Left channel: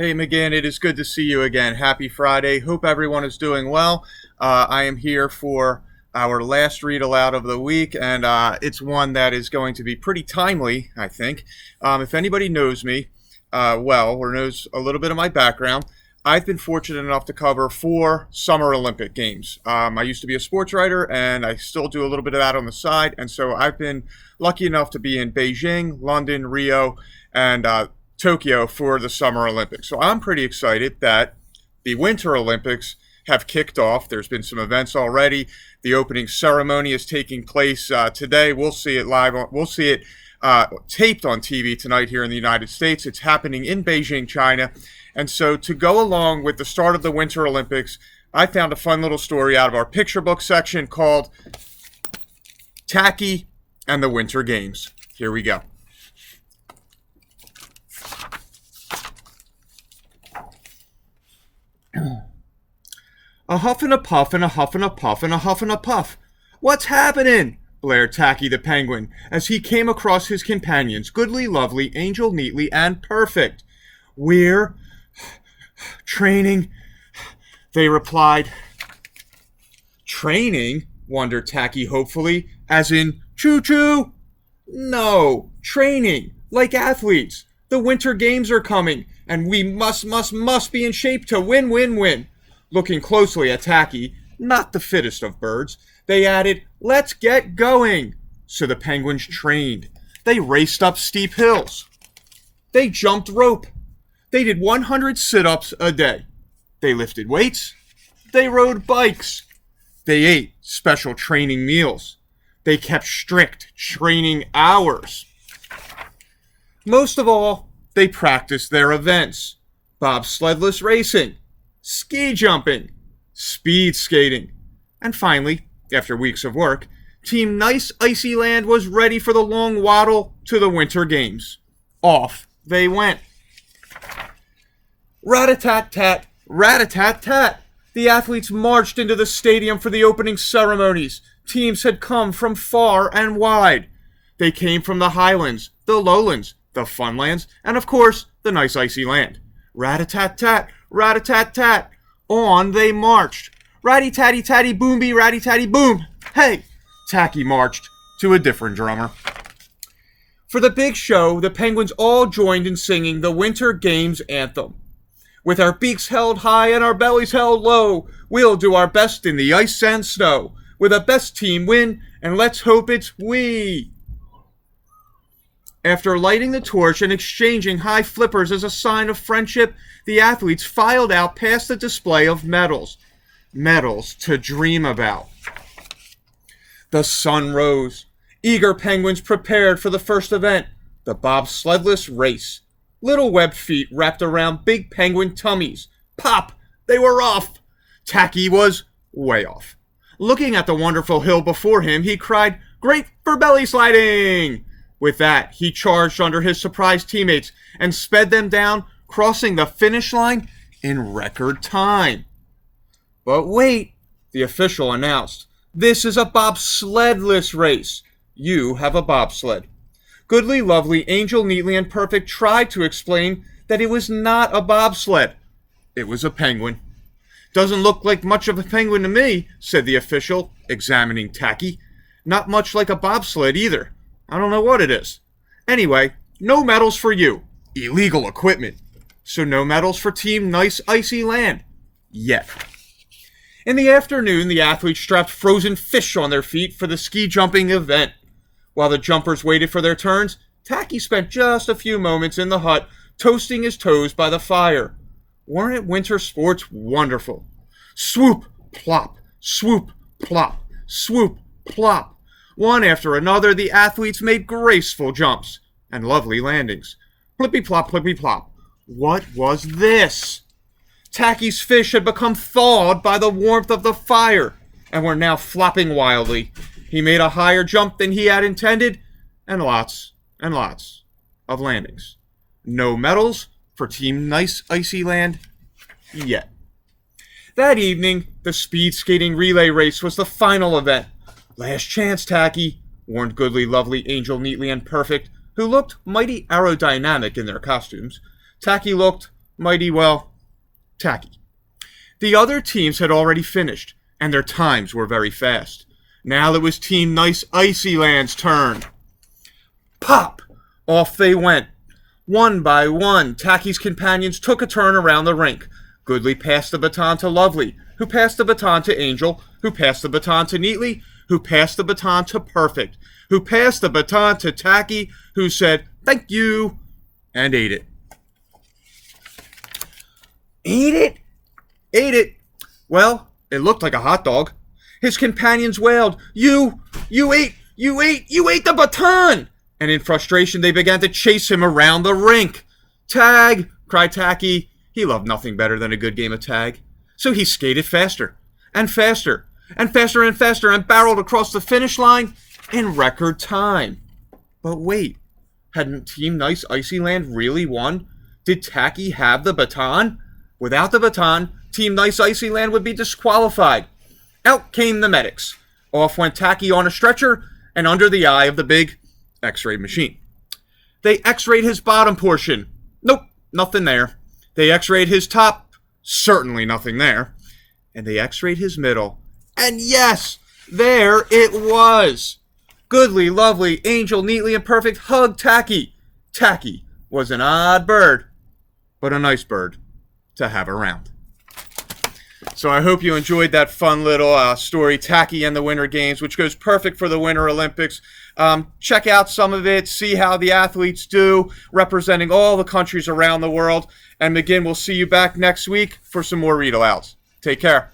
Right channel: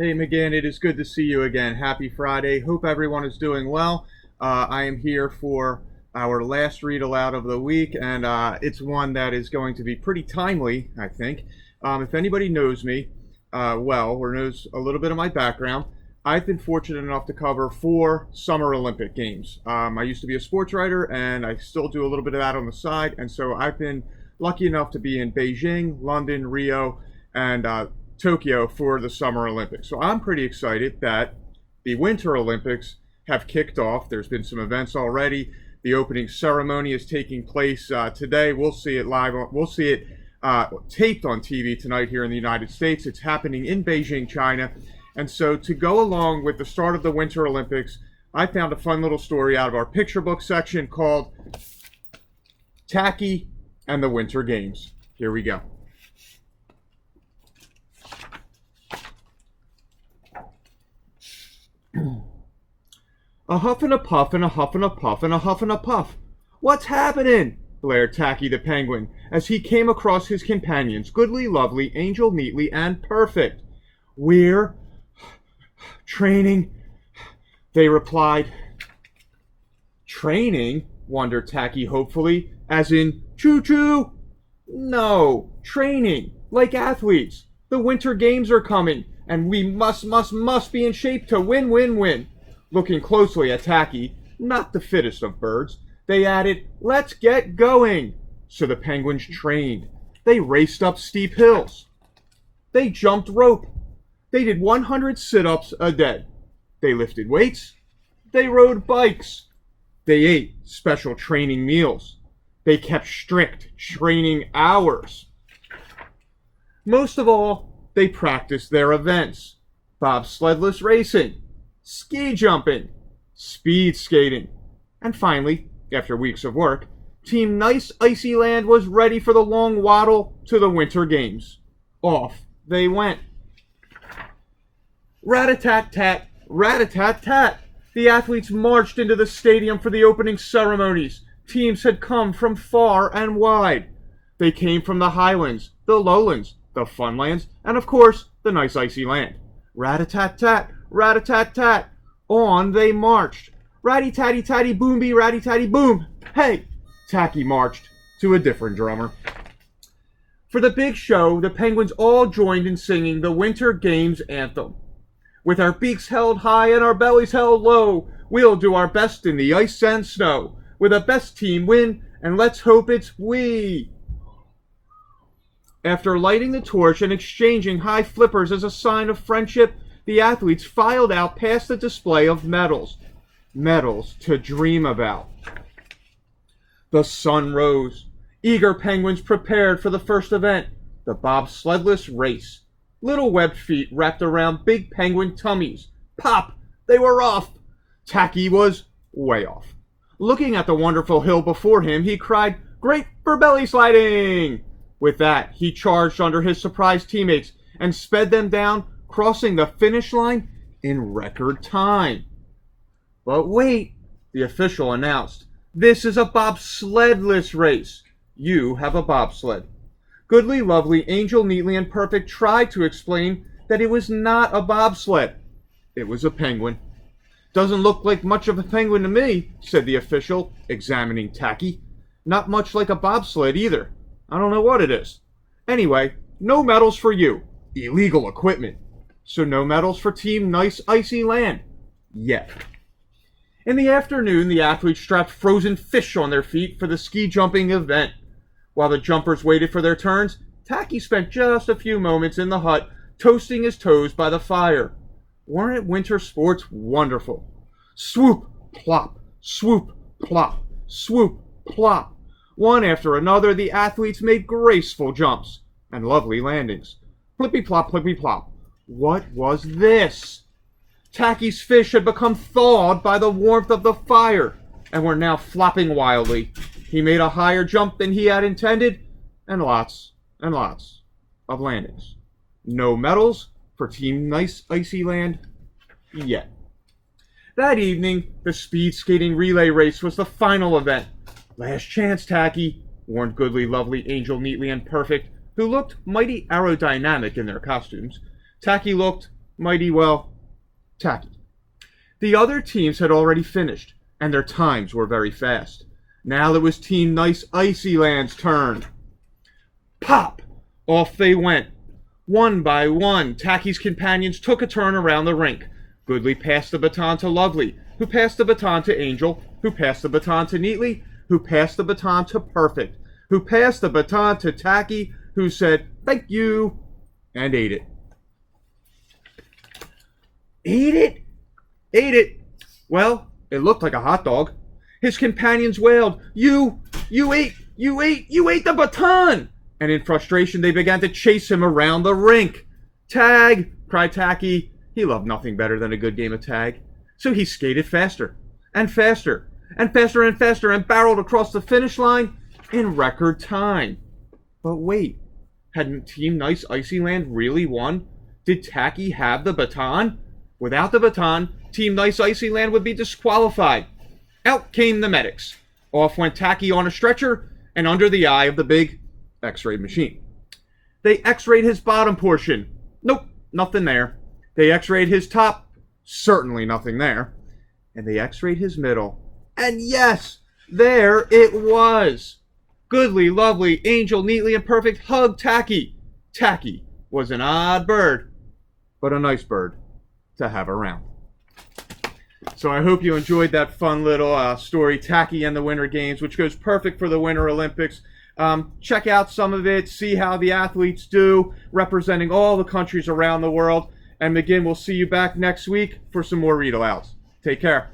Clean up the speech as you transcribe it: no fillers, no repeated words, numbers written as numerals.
Hey, McGinn, it is good to see you again. Happy Friday. Hope everyone is doing well. I am here for our last read aloud of the week, and it's one that is going to be pretty timely, I think. If anybody knows me well or knows a little bit of my background, I've been fortunate enough to cover 4 Summer Olympic Games. I used to be a sports writer, and I still do a little bit of that on the side, and so I've been lucky enough to be in Beijing, London, Rio, and Tokyo for the Summer Olympics. So I'm pretty excited that the Winter Olympics have kicked off. There's been some events already. The opening ceremony is taking place today. We'll see it live. We'll see it taped on TV tonight here in the United States. It's happening in Beijing, China. And so to go along with the start of the Winter Olympics, I found a fun little story out of our picture book section called Tacky and the Winter Games. Here we go. A huff and a puff and a huff and a puff and a huff and a puff. What's happening? Blared Tacky the penguin as he came across his companions, Goodly, Lovely, Angel, Neatly, and Perfect. We're training, they replied. Training? Wondered Tacky hopefully, as in choo-choo? No, training, like athletes. The Winter Games are coming, and we must be in shape to win. Looking closely at Tacky, not the fittest of birds, they added, let's get going. So the penguins trained. They raced up steep hills. They jumped rope. They did 100 sit-ups a day. They lifted weights. They rode bikes. They ate special training meals. They kept strict training hours. Most of all, they practiced their events. Bobsledless racing, ski jumping, speed skating. And finally, after weeks of work, Team Nice Icy Land was ready for the long waddle to the Winter Games. Off they went. Rat-a-tat-tat, rat-a-tat-tat. The athletes marched into the stadium for the opening ceremonies. Teams had come from far and wide. They came from the highlands, the lowlands, the funlands, and of course, the nice icy land. Rat-a-tat-tat, rat-a-tat-tat. On they marched. Ratty-tatty-tatty, boom-bee, ratty-tatty, boom. Hey! Tacky marched to a different drummer. For the big show, the penguins all joined in singing the Winter Games anthem. With our beaks held high and our bellies held low, we'll do our best in the ice and snow. Will the best team win, and let's hope it's we. After lighting the torch and exchanging high flippers as a sign of friendship, the athletes filed out past the display of medals. Medals to dream about. The sun rose. Eager penguins prepared for the first event, the bobsledless race. Little webbed feet wrapped around big penguin tummies. Pop! They were off! Tacky was way off. Looking at the wonderful hill before him, he cried, "Great for belly sliding!" With that, he charged under his surprised teammates and sped them down, crossing the finish line in record time. But wait, the official announced, this is a bobsledless race. You have a bobsled. Goodly, Lovely, Angel, Neatly, and Perfect tried to explain that it was not a bobsled. It was a penguin. Doesn't look like much of a penguin to me, said the official, examining Tacky. Not much like a bobsled either. I don't know what it is. Anyway, no medals for you. Illegal equipment. So no medals for Team Nice Icy Land. Yet. In the afternoon, the athletes strapped frozen fish on their feet for the ski jumping event. While the jumpers waited for their turns, Tacky spent just a few moments in the hut, toasting his toes by the fire. Weren't winter sports wonderful? Swoop, plop, swoop, plop, swoop, plop. One after another, the athletes made graceful jumps and lovely landings. Plippy-plop, plippy-plop. What was this? Tacky's fish had become thawed by the warmth of the fire and were now flopping wildly. He made a higher jump than he had intended, and lots of landings. No medals for Team Nice Icy Land yet. That evening, the speed skating relay race was the final event. Last chance, Tacky, warned Goodly, Lovely, Angel, Neatly, and Perfect, who looked mighty aerodynamic in their costumes. Tacky looked mighty well tacky. The other teams had already finished, and their times were very fast. Now it was Team Nice Icyland's turn. Pop! Off they went. One by one, Tacky's companions took a turn around the rink. Goodly passed the baton to Lovely, who passed the baton to Angel, who passed the baton to Neatly, who passed the baton to Perfect, who passed the baton to Tacky, who said, "Thank you," and ate it. Ate it? Ate it. Well, it looked like a hot dog. His companions wailed, You ate the baton!" And in frustration, they began to chase him around the rink. "Tag!" cried Tacky. He loved nothing better than a good game of tag. So he skated faster, and faster, and faster and faster, and barreled across the finish line in record time. But wait, hadn't Team Nice Icyland really won? Did Tacky have the baton? Without the baton, Team Nice Icyland would be disqualified. Out came the medics. Off went Tacky on a stretcher and under the eye of the big X-ray machine. They X-rayed his bottom portion. Nope, nothing there. They X-rayed his top. Certainly nothing there. And they X-rayed his middle. And yes, there it was. Goodly, Lovely, Angel, Neatly, and Perfect hugged Tacky. Tacky was an odd bird, but a nice bird to have around. So I hope you enjoyed that fun little story, Tacky and the Winter Games, which goes perfect for the Winter Olympics. Check out some of it, see how the athletes do, representing all the countries around the world. And again, we'll see you back next week for some more read-alouds. Take care.